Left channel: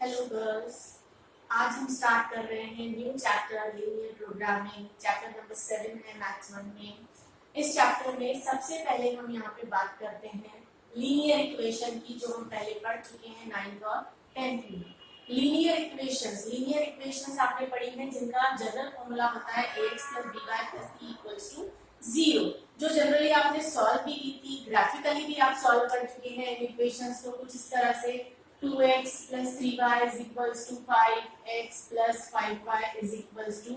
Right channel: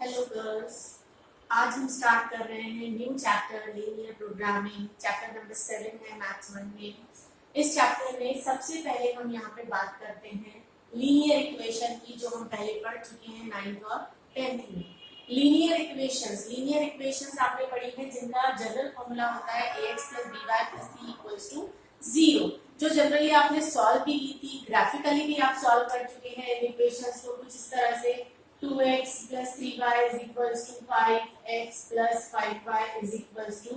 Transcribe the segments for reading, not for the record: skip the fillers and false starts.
Hello girls. आज हम start कर रहे हैं new chapter linear programming. Chapter number 7 है मैथ्स 1 में। इस चैप्टर में सबसे पहले हम यहाँ पे बात करते हैं लीनियर इक्वेशन की, जो हम पहले पढ़ चुके हैं 9th और 10th में। लीनियर इक्वेशंस आपने पढ़ी है जिनका जनरल फॉर्मूला होता है ax + by + c = 0, जो जनरली आपने सॉल्व भी की थी, ग्राफिकली भी आप सॉल्व कर चुके हैं इन इक्वेशंस को कुछ इस तरह से 2x + 3y = 5x + 5y =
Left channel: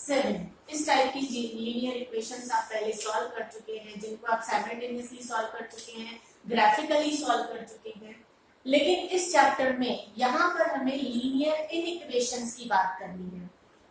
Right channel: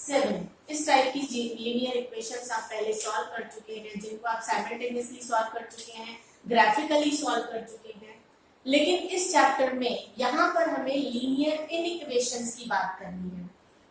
7। इस टाइप की लीनियर इक्वेशंस आप पहले सॉल्व कर चुके हैं, जिनको आप साइमल्टेनियसली सॉल्व कर चुके हैं, ग्राफिकली सॉल्व कर चुके हैं। लेकिन इस चैप्टर में यहाँ पर हमें लीनियर इनइक्वेशंस की बात करनी है।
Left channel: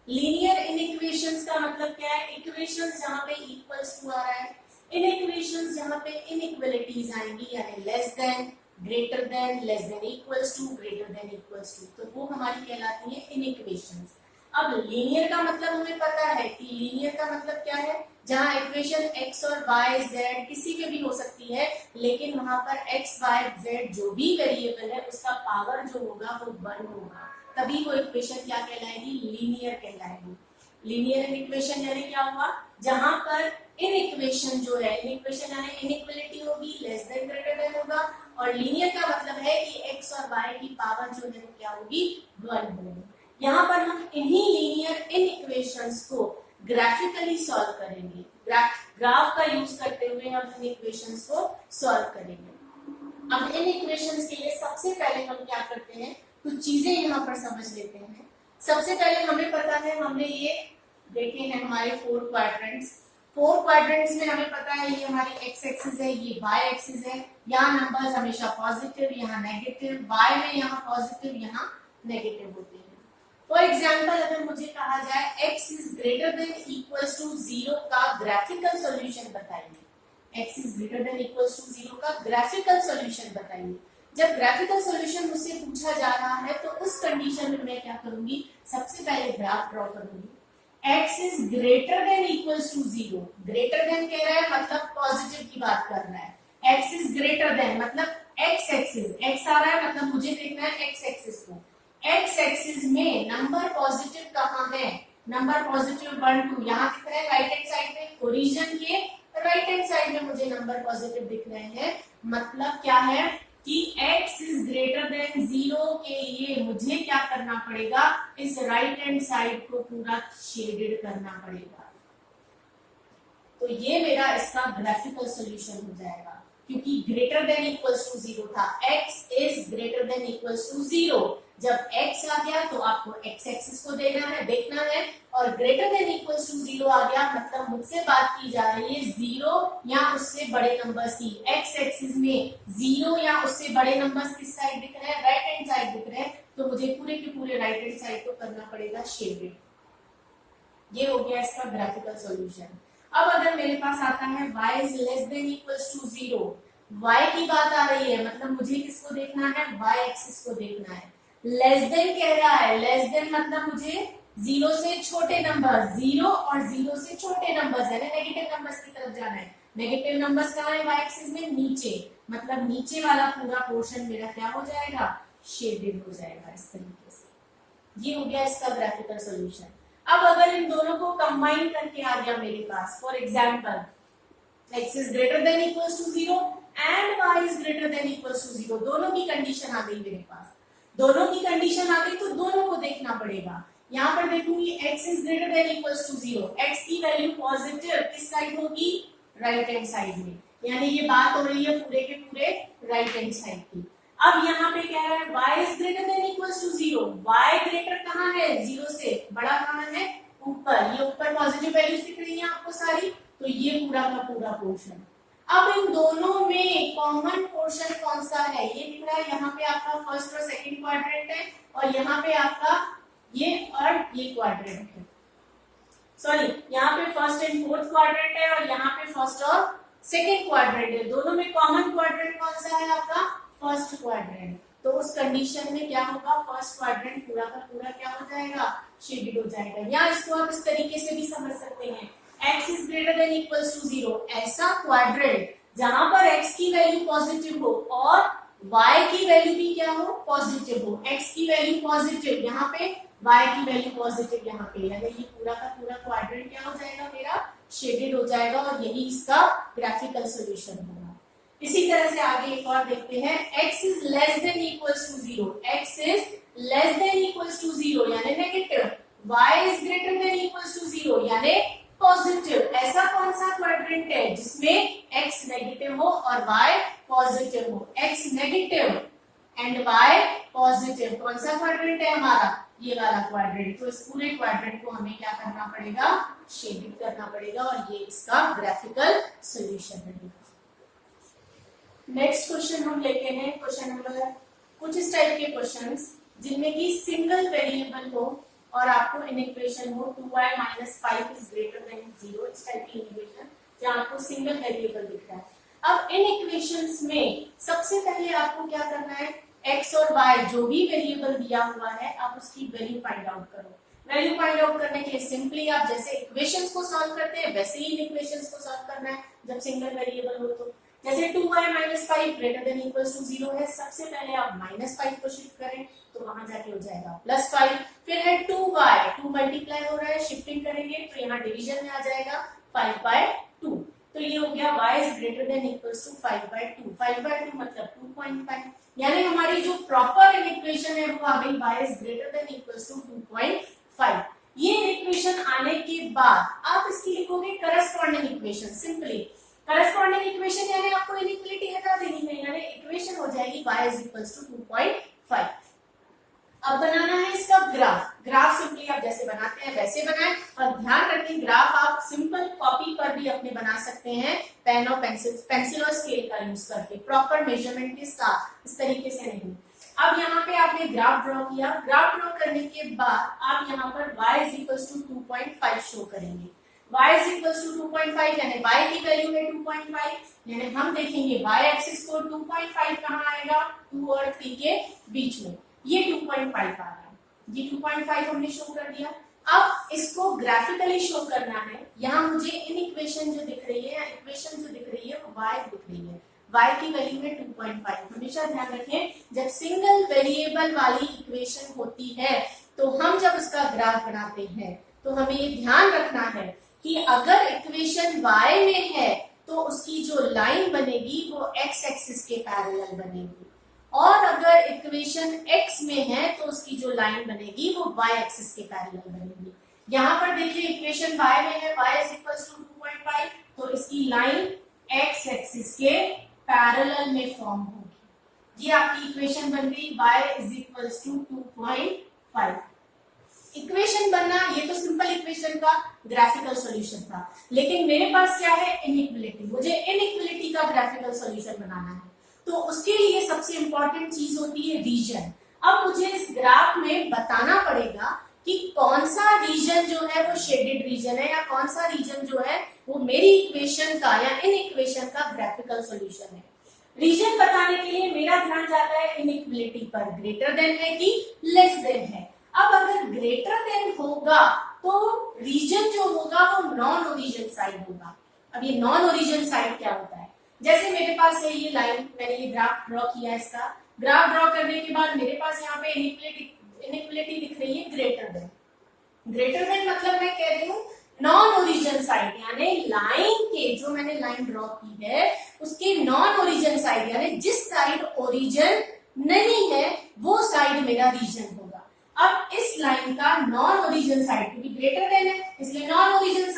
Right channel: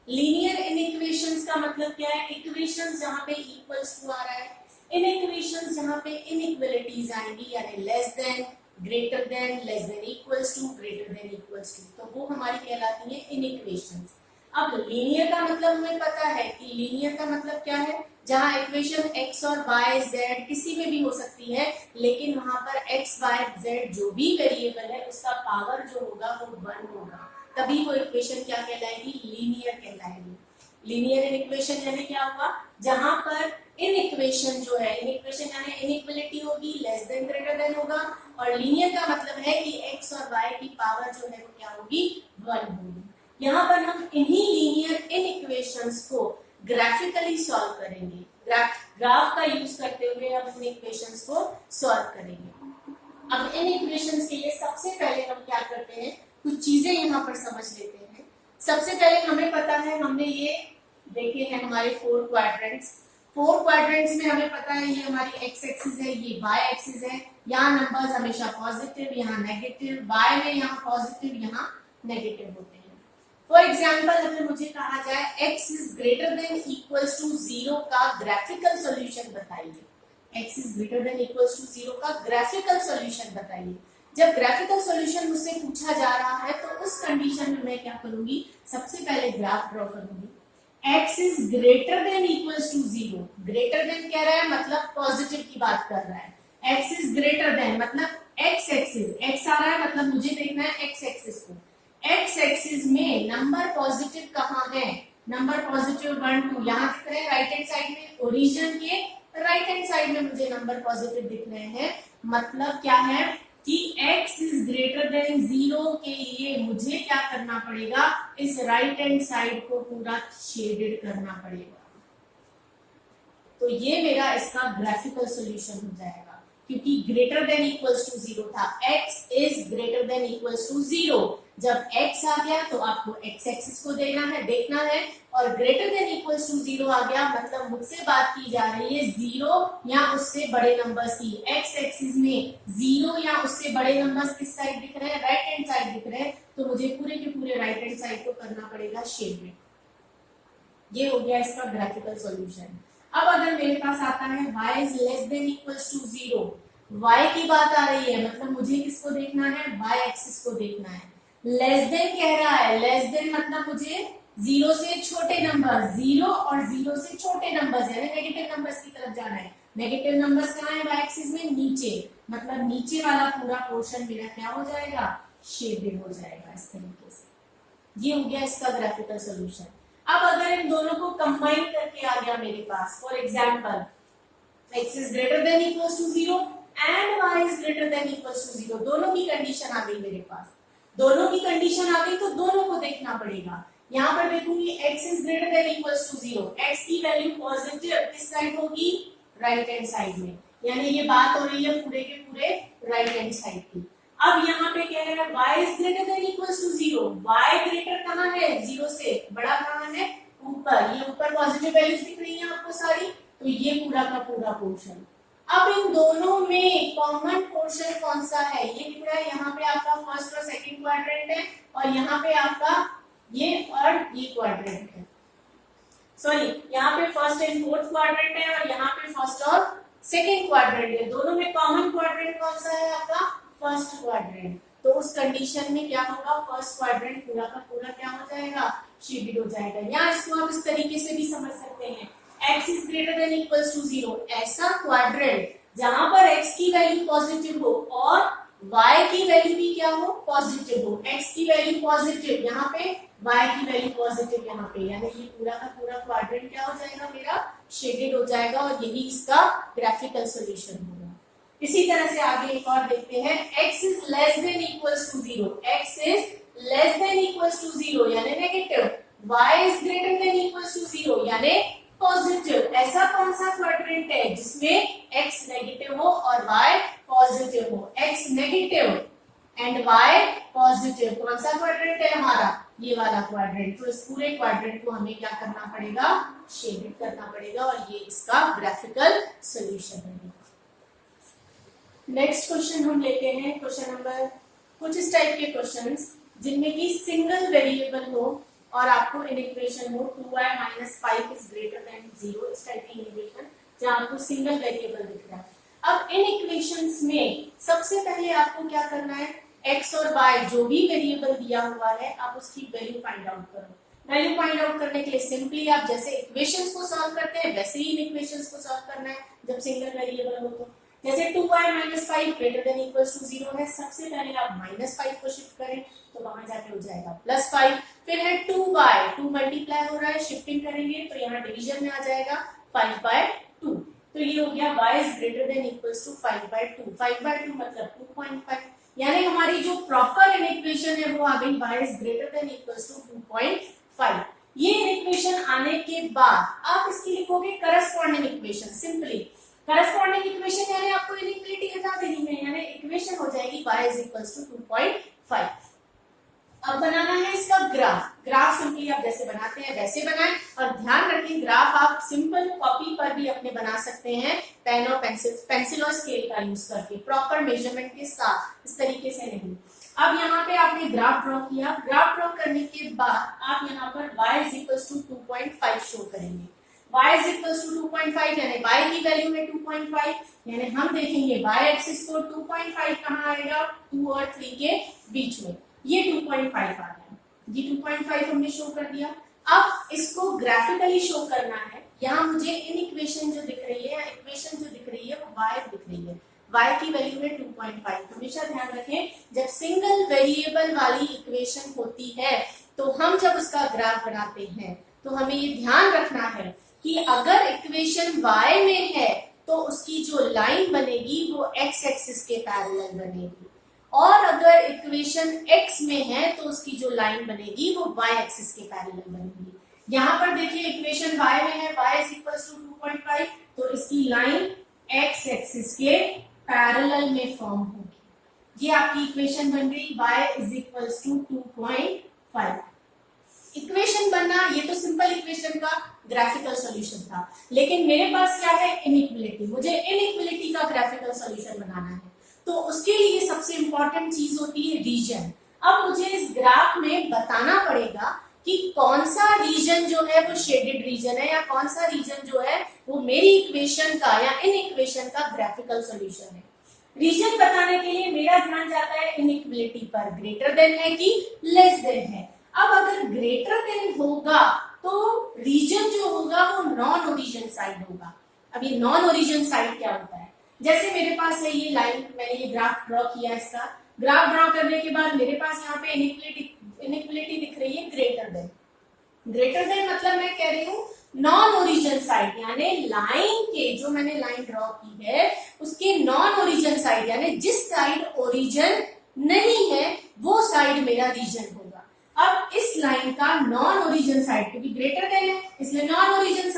लीनियर इनइक्वेशंस का मतलब क्या है? इक्वेशंस जहाँ पे इक्वल्स टू आ रहा है, इनइक्वेशंस जहाँ पे इनइक्वालिटीज आएंगी, यानी less than, greater than, less than equals to, greater than equals to, तो वो हमारी कहलाती है इनइक्वेशंस। अब लीनियर का मतलब हमें पता है कि लीनियर का मतलब क्या है, जहां इक्वेशन x और y z किसी में भी हो सकती है, लेकिन वहां पर x y z जो भी वेरिएबल है उसका पावर जो होगा वो 1 होगा, तभी वो इक्वेशन क्या कहलाएगी? लीनियर कहलाएगी। लीनियर इन इक्वेशन यानी क्या होगा? जहां पर इन इक्वेशन जो है, इन इक्वेशन यानी इनइक्वालिटी होगी, लेस देन ग्रेटर देन होगा, और लीनियर का मतलब है कि x और y की पावर जो है वो क्या होगी? 1 होगी। यहाँ पर हम इन्हीं लीनियर इन इक्वेशंस को ग्राफिकली सॉल्व करेंगे। ग्राफ का यूज करते हुए हम इन इक्वेशंस को सॉल्व करेंगे। अब इन इक्वेशंस के लिए सबसे पहले हम क्या करते हैं, कुछ चीजें यहाँ पर समझ लेते हैं। सबसे पहले हमें पता है, हमने ये देखे हैं हमारे 4 क्वाड्रेंट्स। 4 क्वाड्रेंट्स में हमें पता है ये हमारी एक्स एक्सिस है, ये वाई एक्सिस है। यहाँ नंबर्स हमेशा पॉजिटिव, यहाँ नेगेटिव, वाई में यहाँ पॉजिटिव, यहाँ नेगेटिव होते हैं। फॉर एग्जाम्पल, अगर मुझे कहा जाए x is greater than equals to 0 का ग्राफिकल सॉल्यूशन बताइए, x is greater than equals to 0 का ग्राफिकल सॉल्यूशन बताइए। जब ग्राफिकल सॉल्यूशन मुझसे पूछा जा रहा है तो उस कंडीशन में मैं क्या करूंगी? सबसे पहले ग्राफ ड्रॉ करूंगी। x is greater than equals to 0, greater than कह रहा है मतलब पॉजिटिव की बात कर रहा है। x is greater than मतलब x एक्सिस, x आ रहा है मतलब मुझे देखना है x एक्सिस को। एक्स एक्सिस में नंबर पॉजिटिव कहाँ है? नंबर पॉजिटिव 1 2 यहाँ दिख रहे हैं राइट हैंड साइड में, ओरिजिन के राइट हैंड साइड में मुझे नंबर पॉजिटिव दिख रहे हैं। मतलब क्या है कि x इज ग्रेटर देन 0 के लिए मुझे क्या करना पड़ेगा? इस राइट हैंड साइड को पूरा शेडेड करना पड़ेगा। तो ये मेरा इसका ग्राफिकल सॉल्यूशन हो जाएगा, क्योंकि ग्रेटर देन इक्वल्स टू 0 था। x is greater than equals to 0। जब x आ गया तो आपको x एक्सिस को देखना है, और ग्रेटर देन इक्वल्स टू 0 आ गया मतलब मुझसे बात की जा रही है 0 या उससे बड़े नंबर्स की। x एक्सिस में 0 या उससे बड़े नंबर्स किस साइड दिख रहे हैं? राइट हैंड साइड दिख रहे हैं, तो मुझे पूरे के पूरे राइट हैंड साइड को करना पड़ेगा शेडेड। ये हो गया इसका ग्राफिकल सॉल्यूशन। अब अगर मेरे पास आता है y is less than equals to 0, y की बात आ रही है मतलब मुझे किसको देखना है? y एक्सिस को देखना है। लेस देन कह रहा है, लेस देन मतलब मुझे 0 से छोटे नंबर, 0 और 0 से छोटे नंबर्स यानी नेगेटिव नंबर्स की तरफ जाना है। नेगेटिव नंबर्स कहाँ है y एक्सिस में? नीचे, मतलब नीचे वाला पूरा पोर्शन मेरा क्या हो जाएगा? शेडेड हो जाएगा इस तरीके से। ये हो गया इसका ग्राफिकल सॉल्यूशन। अब अगर इन दोनों को कंबाइन करके आ गया मेरे पास, for example x is greater than equals to 0 and y is greater than equals to 0, दोनों की कंडीशन आ गई मेरे पास। दोनों की कंडीशन आ गई तो दोनों को देखना पड़ेगा। यहाँ पर देखूंगी x is greater than equals to 0, x की वैल्यू पॉजिटिव किस साइड होगी? राइट हैंड साइड में, यानी ये बात हो रही है पूरे के पूरे राइट हैंड साइड की। अब यहाँ पे क्या है? y is greater than equals to 0, y greater कहाँ है? 0 से बड़ा कहाँ है? ऊपर। ये ऊपर पॉजिटिव वैल्यूज दिख रही है आपको सारी, तो ये पूरा का पूरा पोर्शन। अब इन दोनों में कॉमन पोर्शन कौन सा है? ये दिख रहा है यहाँ पे आपका फर्स्ट और सेकंड क्वाड्रेंट है, और यहाँ पे आपका ये और ये क्वाड्रेंट है। सॉरी, यहाँ पे फर्स्ट एंड फोर्थ क्वाड्रेंट है और यहाँ पे फर्स्ट और सेकंड क्वाड्रेंट है। दोनों में कॉमन क्वाड्रेंट कौन सा है? आपका फर्स्ट क्वाड्रेंट। तो उस कंडीशन में क्या होगा? फर्स्ट क्वाड्रेंट पूरा का पूरा क्या हो जाएगा? शेडेड हो जाएगा। या इसको आप इस तरीके से भी समझ सकते हैं, x is greater than equals to 0, ऐसा क्वाड्रेंट जहां पर x की वैल्यू पॉजिटिव हो और y की वैल्यू भी क्या हो, पॉजिटिव हो, x की वैल्यू पॉजिटिव यहाँ पे, y की वैल्यू पॉजिटिव यहाँ पे, यानी ये पूरा का पूरा क्वाड्रेंट क्या हो जाएगा मेरा, शेडेड हो जाएगा और यही इसका ग्राफिकल सॉल्यूशन होगा। इसी तरह से आगे एक और देखते हैं, x is less than equals to 0, x is less than equals to 0 यानी negative, y is greater than equals to 0 यानी पॉजिटिव। ऐसा कौन सा क्वाड्रेंट है जिसमें x नेगेटिव हो और y पॉजिटिव हो, x negative and y positive, कौन सा क्वाड्रेंट है हमारा, ये वाला क्वाड्रेंट। तो इस पूरे क्वाड्रेंट को हमें क्या करना पड़ेगा, शेडेड करना पड़ेगा और ये इसका ग्राफिकल सॉल्यूशन है। नेक्स्ट क्वेश्चन हम लेते हैं, क्वेश्चन नंबर, कुछ इस टाइप के क्वेश्चंस जिनमें कि सिंगल वेरिएबल हो और आपको इन इक्वेशन हो 2y - 5 इज ग्रेटर देन 0, इस टाइप की इक्वेशन जहां आपको सिंगल वेरिएबल दिख रहा है। अब इन इक्वेशंस में सबसे पहले आपको क्या करना है, x और y जो भी वेरिएबल दिया हुआ है आप उसकी वैल्यू फाइंड आउट करो। वैल्यू फाइंड आउट करने के लिए सिंपली आप जैसे इक्वेशंस को सॉल्व करते हैं वैसे ही इन इक्वेशंस को सॉल्व करना है जब सिंगल वेरिएबल हो। तो जैसे 2y - 5 greater than equals to 0 है, सबसे पहले आप -5 को शिफ्ट करें तो वहां जाके हो जाएगा +5। फिर है 2y, 2 मल्टीप्लाई हो रहा है, शिफ्टिंग करेंगे तो यहाँ डिवीजन में आ जाएगा 5/2। तो ये हो गया y is greater than equals to 5/2, 5/2 मतलब 2.5, यानी हमारी जो प्रॉपर इन इक्वेशन है वो आ गई y is greater than equals to 2.5। ये इन इक्वेशन आने के बाद आप इसकी लिखोगे corresponding equation. Simply corresponding equation यानी आपको इनइक्वालिटी हटा देनी है, यानी इक्वेशन हो जाएगी y इज इक्वल्स टू 2.5। अब बनाना है इसका ग्राफ। ग्राफ सिंपली आप जैसे बनाते हैं वैसे बनाएं और ध्यान रखें ग्राफ आप सिंपल कॉपी पर भी अपने बना सकते हैं, पेन और पेंसिल और स्केल का यूज करके प्रॉपर मेजरमेंट के साथ, इस तरीके से नहीं। अब यहाँ पे आपने ग्राफ ड्रॉ किया, ग्राफ ड्रॉ करने के बाद आप यहाँ पर y is equals to 2.5 show करेंगे। y इज इक्वल्स टू 2.5 यानी y की वैल्यू है 2.5, यानी हम देखेंगे y एक्सिस को 2.5 कहाँ आएगा, 2 और 3 के बीच में, ये 2.5 आ रहा है, ये 2.5 हमने शो कर दिया। अब इसको ग्राफिकली शो करना है, यहाँ मुझे इन इक्वेशन जो दिख रही है, इक्वेशन जो दिख रही है वो y दिख रही है, y की वैल्यू है 2.5। हमेशा ध्यान रखें जब सिंगल वेरिएबल वाली इक्वेशन होती है तो हम जब उसका ग्राफ बनाते हैं तो हमें ये ध्यान रखना है कि अगर इक्वेशन y में है तो उसकी जो लाइन बनेगी वो x एक्सिस के पैरेलल बनेगी, और अगर इक्वेशन x में है तो उसकी जो लाइन बनेगी वो y एक्सिस के पैरेलल बनेगी। यहाँ पर देखिए इक्वेशन y में है, y इज इक्वल्स टू 2.5, तो इसकी लाइन x एक्सिस के पैरेलल में फॉर्म होगी। ये आपकी इक्वेशन बन गई y is equals to 2.5। Equation बनना, ये तो सिंपल इक्वेशन का ग्राफिकल सॉल्यूशन था, लेकिन मेरे पास क्या है, इनइक्वालिटी। मुझे इनइक्वालिटी का ग्राफिकल सॉल्यूशन बनाना है तो उसके लिए सबसे इंपॉर्टेंट चीज होती है रीजन। अब मुझे इस ग्राफ में बताना पड़ेगा कि कौन सा रीजन जो है वो शेडेड रीजन है या कौन सा रीजन जो है वो मेरी इक्वेशन का या इन इक्वेशन का ग्राफिकल सॉल्यूशन है। रीजन बताने के लिए मेरा ध्यान जाता है इनइक्वालिटी पर, ग्रेटर देन है कि लेस देन है। अब अगर ग्रेटर देन होगा तो रीजन जो होगा वो नॉन ओरिजिन साइड होगा। अब ये नॉन ओरिजिन साइड क्या होता है, जैसे मेरे पास है ये लाइन, मैंने ये ग्राफ ड्रॉ किया, इसका ग्राफ ड्रॉ करने के बाद मेरे पास यहाँ पे इनइक्वालिटी दिख रही है ग्रेटर देन। ग्रेटर देन मतलब मैं कह रही हूँ नॉन ओरिजिन साइड, यानी लाइन के, जो मैंने लाइन ड्रॉ की है उसके नॉन ओरिजिन साइड, यानी जिस साइड ओरिजिन नहीं है वो साइड मेरा रीजन होगा। अब इस लाइन का नॉन ओरिजिन साइड, क्योंकि ग्रेटर देन है इसलिए नॉन ओरिजिन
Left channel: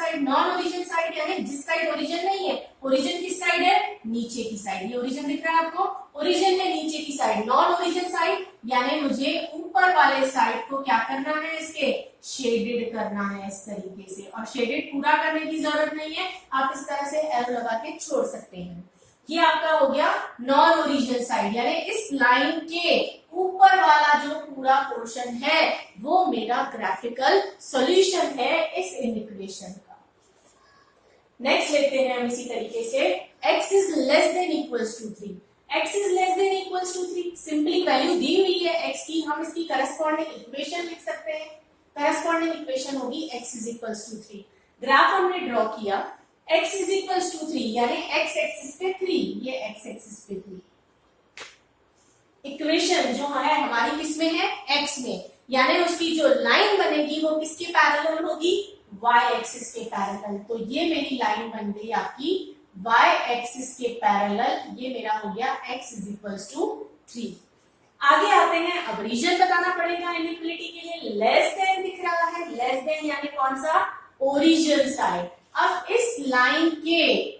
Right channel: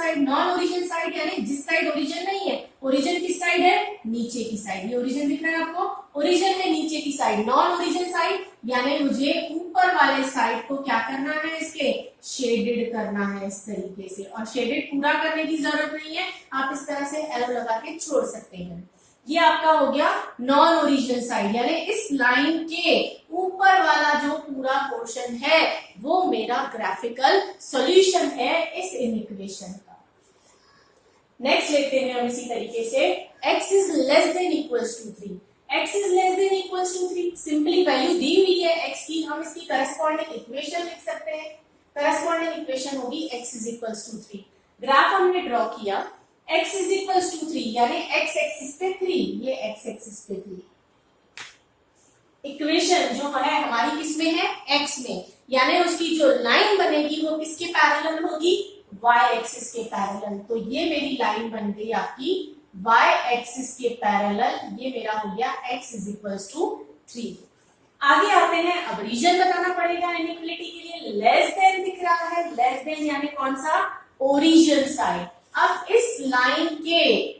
साइड यानी जिस साइड ओरिजिन नहीं है। ओरिजिन किस साइड है, नीचे की साइड। ये ओरिजिन दिख रहा है आपको, ओरिजिन है नीचे की साइड। नॉन ओरिजिन साइड यानी मुझे ऊपर वाले साइड को क्या करना है, इसके शेडेड करना है इस तरीके से, और शेडेड पूरा करने की जरूरत नहीं है, आप इस तरह से एरो लगा के छोड़ सकते हैं। ये आपका हो गया नॉन ओरिजिन साइड, यानी इस लाइन के ऊपर वाला जो पूरा पोर्शन है वो मेरा ग्राफिकल सॉल्यूशन है इस इक्वेशन का। नेक्स्ट लेते हैं हम इसी तरीके से, x is less than equals to 3। x is less than equals to 3, simply value दी हुई है x की, हम इसकी करस्पॉन्डिंग इक्वेशन लिख सकते हैं। करस्पॉन्डिंग इक्वेशन होगी x is equals to 3। Graph हमने ड्रॉ किया, x इज इक्वल्स टू 3 यानी x एक्सिस पे 3, ये x एक्सिस पे 3। इक्वेशन जो है हमारी किसमें है, एक्स में, यानी उसकी जो लाइन बनेगी वो किसके पैरेलल होगी, वाई एक्सिस के पैरेलल। तो ये मेरी लाइन बन गई आपकी वाई एक्सिस के पैरेलल, ये मेरा हो गया x इज इक्वल्स टू 3। आगे आते हैं, अब रीजन बताना पड़ेगा इनइक्वलिटी के लिए। लेस देन दिख रहा है, लेस देन यानी कौन सा, ओरिजिन साइड। अब इस लाइन के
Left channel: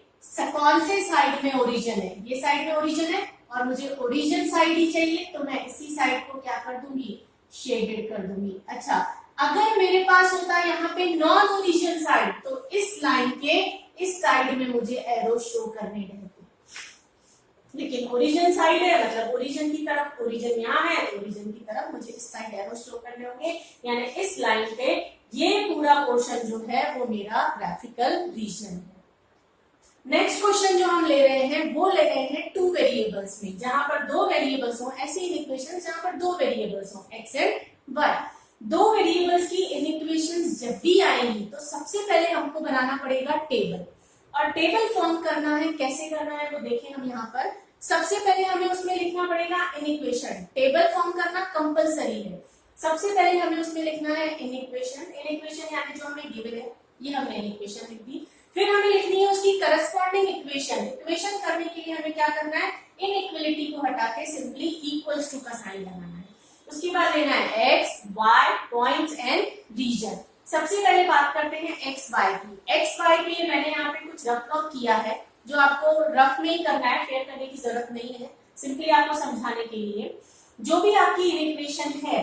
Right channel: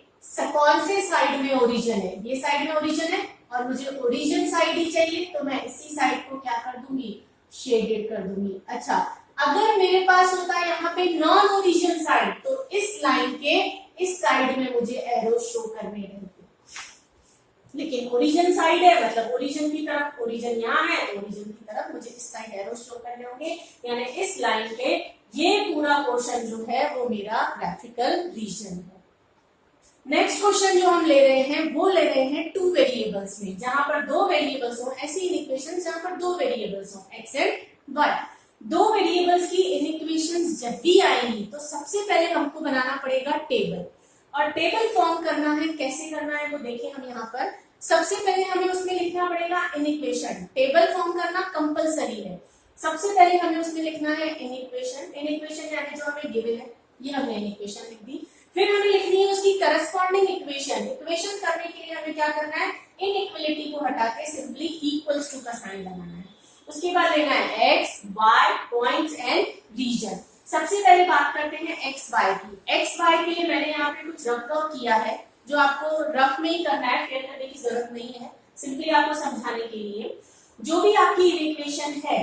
कौन से साइड में ओरिजिन है, ये साइड में ओरिजिन है और मुझे ओरिजिन साइड ही चाहिए, तो मैं इसी साइड को क्या कर दूंगी, शेडेड कर दूंगी। अच्छा, अगर मेरे पास होता है यहाँ पे नॉन ओरिजिन साइड, तो इस लाइन के इस साइड में मुझे एरो शो करने रहते, लेकिन ओरिजिन साइड है मतलब ओरिजिन की तरफ, ओरिजिन यहाँ है तो ओरिजिन की तरफ मुझे इस साइड एरो शो करने होंगे, यानी इस लाइन पे ये पूरा पोर्शन जो है वो मेरा ग्राफिकल रीजन है। नेक्स्ट क्वेश्चन जो हम ले रहे हैं वो ले रहे हैं टू वेरिएबल्स में, जहां पर दो वेरिएबल्स हो, ऐसी इक्वेशन जहां पर दो वेरिएबल्स हो, एक्स एंड वाई। दो वेरिएबल्स की इक्वेशंस जब भी आएंगी तो सबसे पहले हमको बनाना पड़ेगा टेबल, और टेबल फॉर्म करना है, कैसे करना है वो देखें हम यहाँ पर। सबसे पहले हमें उसमें लिखना पड़ेगा इनइक्वेशन, टेबल फॉर्म करना कंपलसरी है। सबसे पहले हमें उसमें लिखना है इनइक्वेशन, इनइक्वेशन यानी जो हमें गिवन है, ये हमने इनइक्वेशन लिख दी। फिर हमें लिखनी है उसकी करस्पॉन्डिंग इक्वेशन। इक्वेशन करने के लिए हमें क्या करना है, इनइक्वलिटी को हटा के सिंपली इक्वल्स टू का साइन लगाना है। उसके बाद लेना है x y points and region. सबसे पहले बात करते हैं एक्स वाई की। एक्स वाई के लिए मैंने यहाँ पे कुछ रफ वर्क किया है, जो आपको रफ में ही करना है, फेयर करने की जरूरत नहीं है, सिंपली आपको समझाने के लिए। जो भी आपकी इक्वेशन है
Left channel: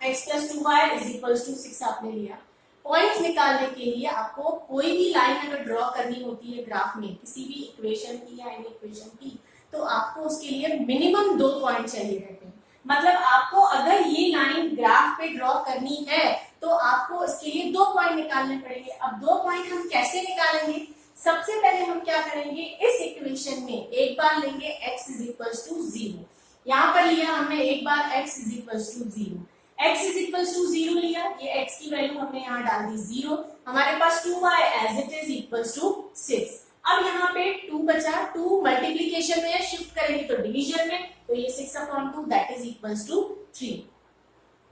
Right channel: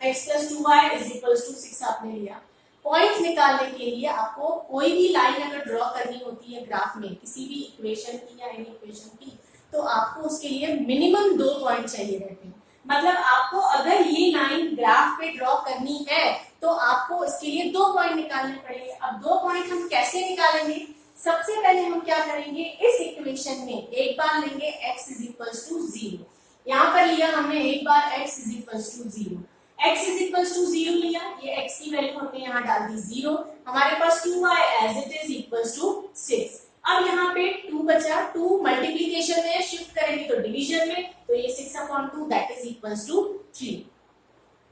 x plus 2y is equals to 6 आपने लिया, पॉइंट्स निकालने के लिए आपको कोई भी लाइन अगर ड्रॉ करनी होती है ग्राफ में किसी भी इक्वेशन की या एनी इक्वेशन की, तो आपको उसके लिए मिनिमम 2 पॉइंट चाहिए रहते हैं। मतलब आपको अगर ये लाइन ग्राफ पे ड्रॉ करनी है तो आपको इसके लिए 2 पॉइंट निकालने पड़ेंगे। अब 2 पॉइंट हम कैसे निकालेंगे, सबसे पहले हम क्या करेंगे, इस इक्वेशन में एक बार लेंगे x इज इक्वल्स टू 0, यहाँ पर लिया हमने एक बार x is equals to 0, x is equals to 0 लिया, ये x की वैल्यू हमने यहाँ डाल दी 0, हमारे पास 2y as it is equals to 6। अब यहाँ पे 2 बचा, 2 मल्टीप्लीकेशन में शिफ्ट करेंगे तो डिवीजन में, तो ये 6/2 दैट इज इक्वल्स टू 3।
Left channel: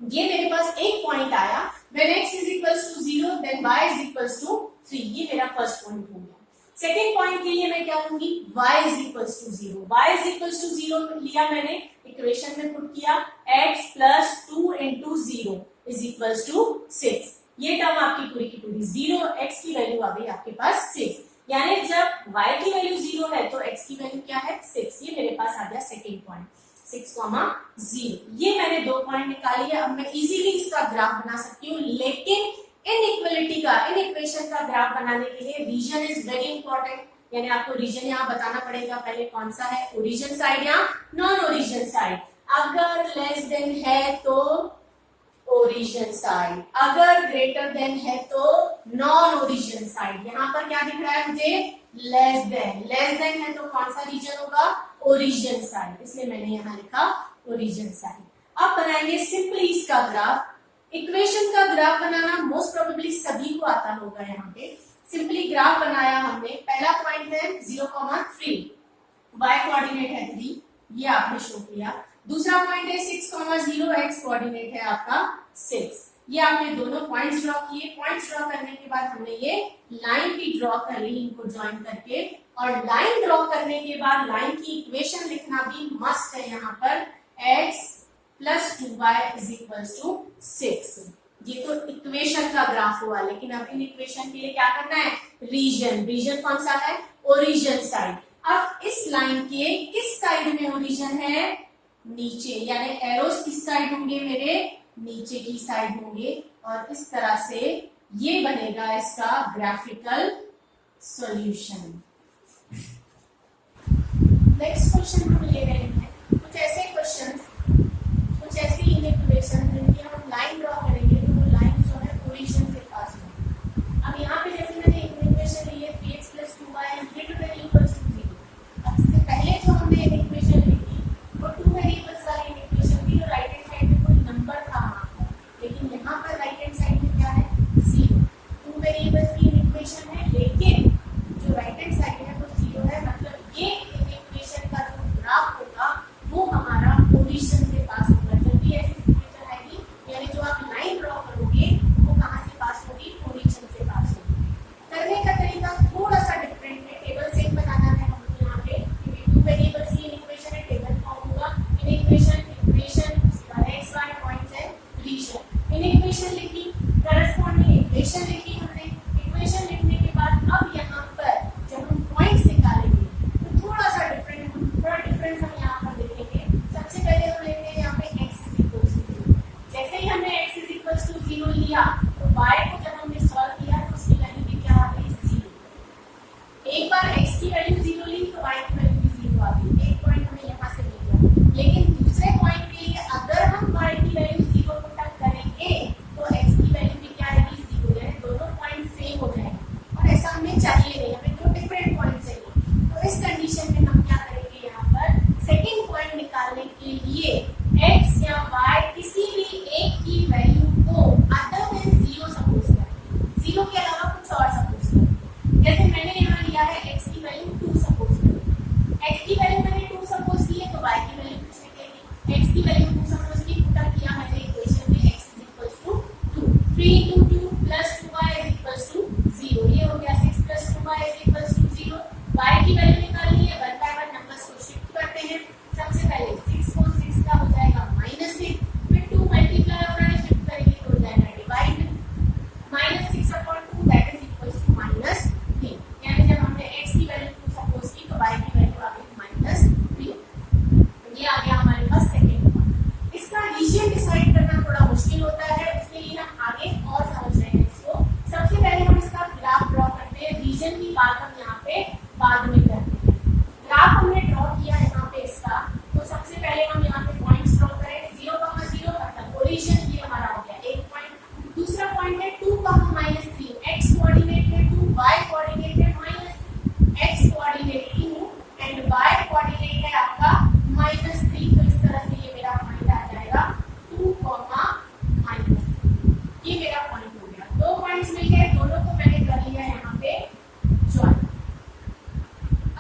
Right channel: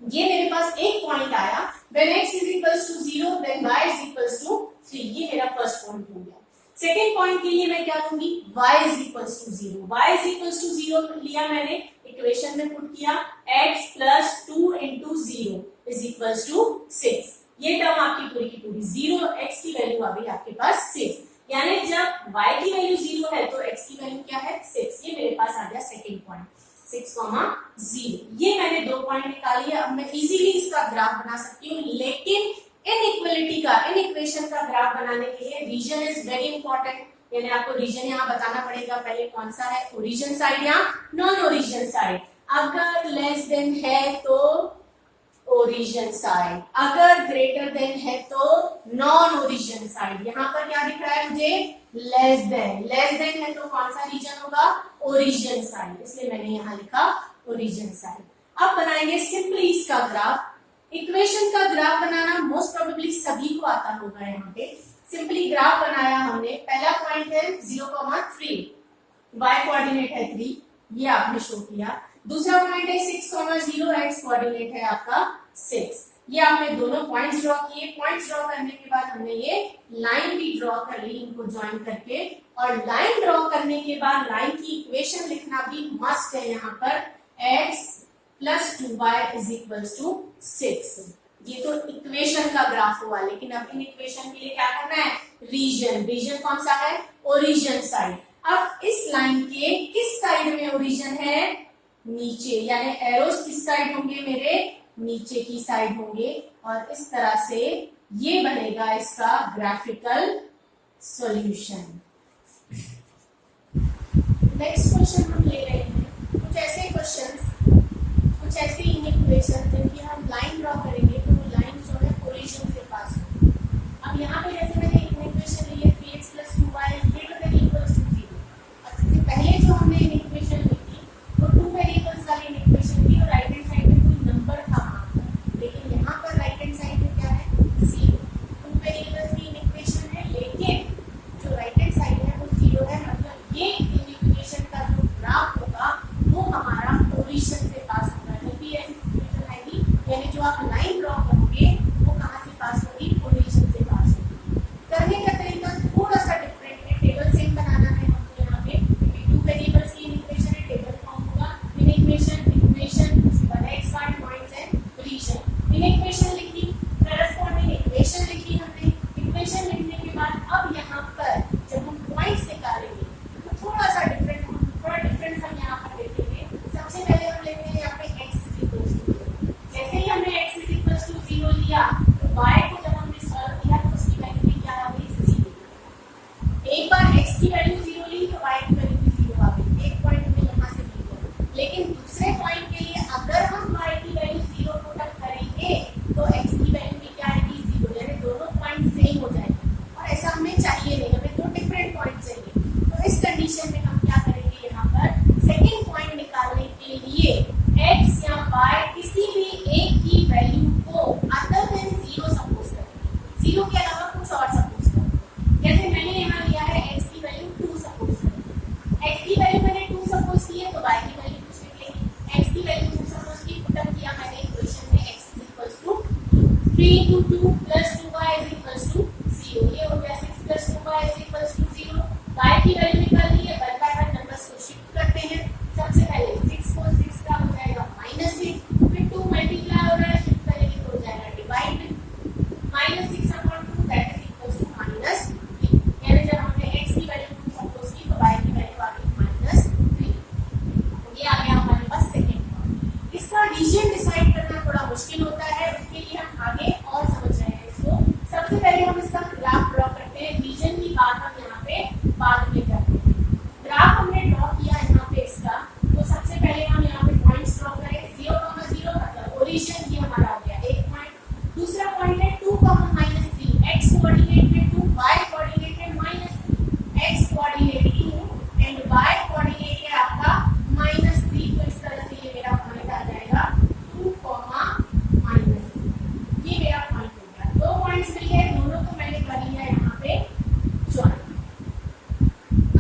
ये मेरे पास एक पॉइंट आया, when x is equals to 0 then y is equals to 3, ये मेरा फर्स्ट पॉइंट हो गया। सेकेंड पॉइंट के लिए मैं क्या लूंगी, y is equals to 0, y is equals to 0 लिया मैंने, इक्वेशन में पुट किया, x plus 2 into 0 is equals to 6। ये टर्म आपकी पूरी की पूरी 0, x की वैल्यू आ गई आपके पास 6, यानी जब y की वैल्यू 0 है तो x की वैल्यू क्या है 6। ये मेरे पास आ गया सेकेंड पॉइंट 6,0। ये मैंने 2 पॉइंट निकाली है। अब मैं इजीली इसका ग्राफ बना सकती हूँ, लेकिन इनइक्वलिटी का, इन इक्वेशन का ग्राफ बनाने के लिए रीजन इज वेरी इंपॉर्टेंट, यानी आपको रीजन यहाँ बताना पड़ेगा पहले कौन सा है, ओरिजिन साइड या नॉन ओरिजिन साइड। अगर लेस देन है तो ओरिजिन साइड, अगर ग्रेटर देन है तो नॉन ओरिजिन साइड। यहाँ पर क्या दिख रहा है मुझे, लेस देन, लेस देन है तो कौन सा रीजन होगा, ओरिजिन साइड, इसलिए मैंने यहाँ लिखा ओरिजिन साइड। अब बनाएंगे सिंपली इसका ग्राफ। इक्वेशन का ग्राफ बनाना मोस्ट प्रोबेबली सभी को आता होगा। यहाँ पे सिंपली ग्राफ बनाया हमने, पहला पॉइंट है 0,3, y कोऑर्डिनेट है 3, ये आपने शो किया। दूसरा पॉइंट है 6,0, x कोऑर्डिनेट है आपका 6। ये आपने दोनों पॉइंट्स ड्रॉ किए। पॉइंट्स ड्रॉ करने के बाद हमने ये लाइन भी ड्रॉ कर ली इनको ज्वाइन करके, और लाइन ड्रॉ करने के बाद लाइन की इक्वेशन लिखना भी मस्ट है यहाँ पर, x plus 2y is equals to 6। ये तो इक्वेशन का ग्राफ हुआ, लेकिन अब इन इक्वेशन के लिए क्या करना है, रीजन, रीजन कौन सा है, ओरिजिन साइड। अब इस लाइन के किस साइड में ओरिजिन है, नीचे, यानी एरोस किस साइड होंगे मेरे, नीचे की साइड होंगे, और इस तरह से ये बनेगा इसका ग्राफिकल सॉल्यूशन। नेक्स्ट क्वेश्चन हम ले रहे हैं कुछ ऐसे क्वेश्चंस, कुछ ऐसी इक्वेशन जिनकी हम लाइन ड्रॉ करेंगे तो वो लाइन जो है ओरिजिन से पास होगी। अब यहाँ पे जैसे मैंने इक्वेशन ली है 3x plus 2y greater than equals to 0। अब इससे पहले जो हमने इक्वेशन ली थी वो 2 वेरिएबल्स वाली इक्वेशन थी, तो राइट हैंड साइड में कोई नंबर था वहां पर, लेकिन यहाँ पर राइट हैंड साइड में क्या है 0। 2 वेरिएबल्स की इक्वेशन है, लेकिन जो राइट हैंड साइड है वो 0 है, मतलब ये इक्वेशन का जो ग्राफ होगा वो हमारा जो आप लाइन ड्रॉ करोगे वो कहाँ से पास होगी, ओरिजिन से पास होगी। करने का तरीका थोड़ा सा डिफरेंट है, टेबल सेम बनाना है हमको यहाँ पे, क्योंकि 2 वेरिएबल्स की इक्वेशन है, टेबल फॉर्म होगा। इन इक्वेशन उसके बाद एक्स वाई पॉइंट्स है, रीजन। इन इक्वेशन लिखी, करस्पॉन्डिंग इक्वेशन लिखी हमने। इक्वेशन लिखने के बाद अब यहाँ पर जब हम पॉइंट्स निकालेंगे तो थोड़ा डिफरेंस हम यहाँ पर देखेंगे। सबसे पहले हम लेंगे यहाँ पे x इज इक्वल्स टू 0। जैसे ही हमने x इज इक्वल्स टू 0 लिया तो y को जब हमने सॉल्व किया तो उसकी वैल्यू भी क्या आ गई, 0। एक बार x की वैल्यू 0 ली तो y की वैल्यू भी 0 आ गई। एक पॉइंट हमें यहाँ से मिल गया, लेकिन दूसरे पॉइंट के लिए अगर हम y की वैल्यू 0 को टच करेंगे तो x की वैल्यू भी क्या आएगी, 0। यानी दोनों पॉइंट सेम हो जाएंगे, और ऐसा हमें चाहिए नहीं, हमें 2 डिफरेंट पॉइंट चाहिए। तो इस कंडीशन में हम क्या करेंगे, यहाँ पर सेकंड पॉइंट निकालने के लिए x या y किसी भी एक की वैल्यू को अदर देन 0 सपोज करेंगे, 0 के अलावा कुछ और सपोज करेंगे। जैसे मैंने यहाँ लिया है x की वैल्यू 2 सपोज करेंगे, x की वैल्यू मैंने 2 सपोज की है तो y की वैल्यू कुछ निकलेगी। x की वैल्यू 2 सपोज की, पुटअप किया मैंने इक्वेशन में, x is equals to 3 into 2 plus 2y is equals to 0। ये हो गया 6 plus 2y is equals to 0। y की वैल्यू निकालनी है, 1 by 1 नंबर्स को शिफ्ट करते हैं। सबसे पहले 6 को 6 का हो जाएगा -6, फिर 2 मल्टीप्लाई हो रहा है, शिफ्ट करेंगे तो हो जाएगा डिवाइड में -6/2 दैट इज इक्वल्स टू -3। यानी जब हमने x की वैल्यू 2 सपोज की तो y की वैल्यू आ गई -3। ये आ गया हमारे पास सेकंड पॉइंट। इसका रीजन डिसाइड करना थोड़ा मुश्किल होता है, उसके लिए हम आगे और समझ रहे हैं इसको। सबसे पहले हम इसका ग्राफ ड्रॉ करते हैं, रीजन की बात हम यहाँ पे बाद में करते हैं। ग्राफ हमने ड्रॉ किया यहाँ पे इसका, तो सबसे पहले हम यहाँ पे पॉइंट्स ड्रॉ करें। 0,0 मतलब ओरिजिन, ये हमारा हो गया एक पॉइंट। दूसरा पॉइंट है 2,-3, x कोऑर्डिनेट है 2, y कोऑर्डिनेट है -3। x coordinate 2 and y coordinate है आपका -3, तो इस तरह से ये मेरा पॉइंट आ जाएगा 2, -3। ये मेरा पॉइंट हो गया। 2 पॉइंट्स मिल गए, दोनों को मैंने कर लिया यहाँ पे ज्वाइन।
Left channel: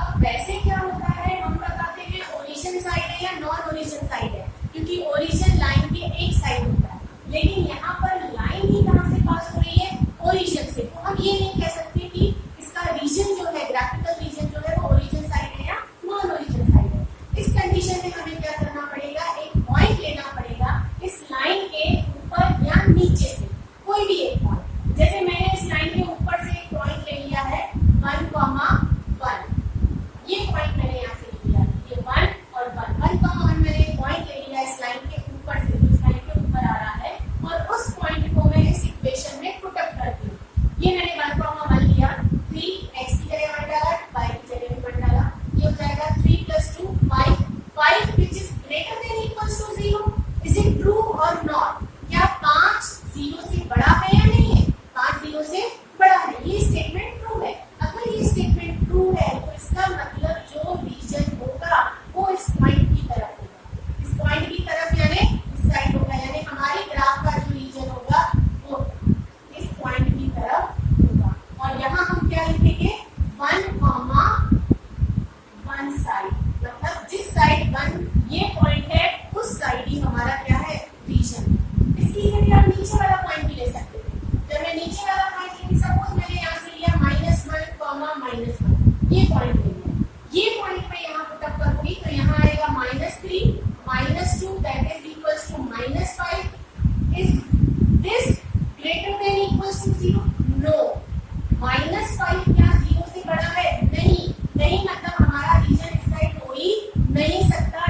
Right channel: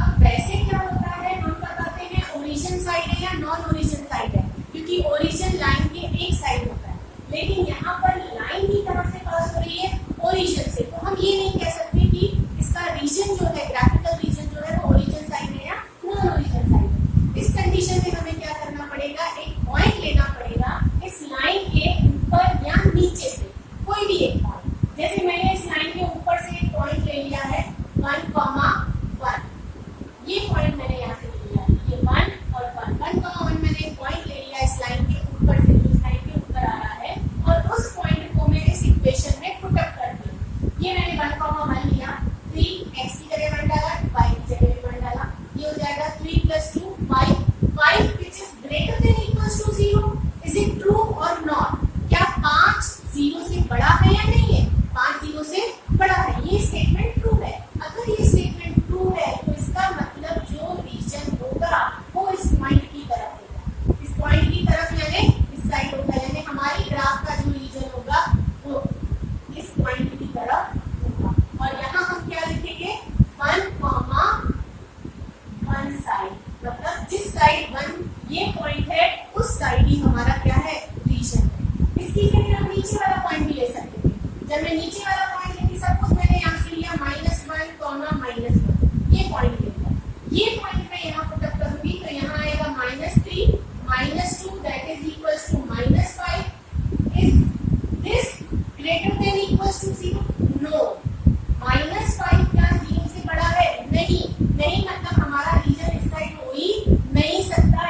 अब वैसे क्या होता है, हम बताते हैं ओरिजिन साइड है या नॉन ओरिजिन साइड है, क्योंकि ओरिजिन लाइन के एक साइड होता है, लेकिन यहाँ पर लाइन ही कहाँ से पास हो रही है, ओरिजिन से। तो हम ये नहीं कह सकते कि इसका रीजन जो है, ग्राफिकल रीजन जो है वो ओरिजिन साइड है या नॉन ओरिजिन साइड है। इस कंडीशन में हमें क्या करना पड़ेगा, एक पॉइंट लेना पड़ेगा इस लाइन के ऊपर या नीचे से, कोई भी एक पॉइंट। जैसे मैंने इस लाइन के ऊपर से एक पॉइंट ले लिया है 1,1, ये पॉइंट मैंने यहाँ से ले लिया, ये 1 और 1,1 मैंने एक पॉइंट ले लिया इस लाइन के ऊपर से, इस लाइन के ऊपर आ रहा है, और उस पॉइंट को मैं इस इक्वेशन में पुट अप कर दिया। ये मैंने 1,1 लिया, 3 x की जगह 1 डाला, y की जगह 1 डाला, ये हो जाएगा 3 + 2 5 which is greater than equals to 0। Is it true or not? क्या 5 0 से बड़ा है या नहीं है? 5 0 से बड़ा है, ये स्टेटमेंट ट्रू है। अगर ये स्टेटमेंट ट्रू है तो इसका मतलब जो रीजन होगा वो इस पॉइंट की तरफ होगा, इस पॉइंट की तरफ यानी इस साइड होगा, यानी हमारी ग्राफ का जो रीजन होगा वो इस पॉइंट की तरफ होगा। और यहाँ हम क्या लिखेंगे, 1,1 साइड, मतलब जिस साइड 1 ये पॉइंट है उस साइड ही हमारा क्या है, रीजन है। इसकी जगह हम नीचे वाला पॉइंट भी ले सकते थे। जब मैं नीचे वाला पॉइंट लेती, सपोज मैंने यहाँ से लिया -1, ये पॉइंट ले लिया, ये पॉइंट मैं यहाँ पुट अप करूंगी तो यहाँ आएगा -3, -2 that is equals to -5। Is this greater than equals to 0? No. -5 क्या 0 से बड़ा है? नहीं, मतलब हमारा रीजन इस साइड हो ही नहीं सकता।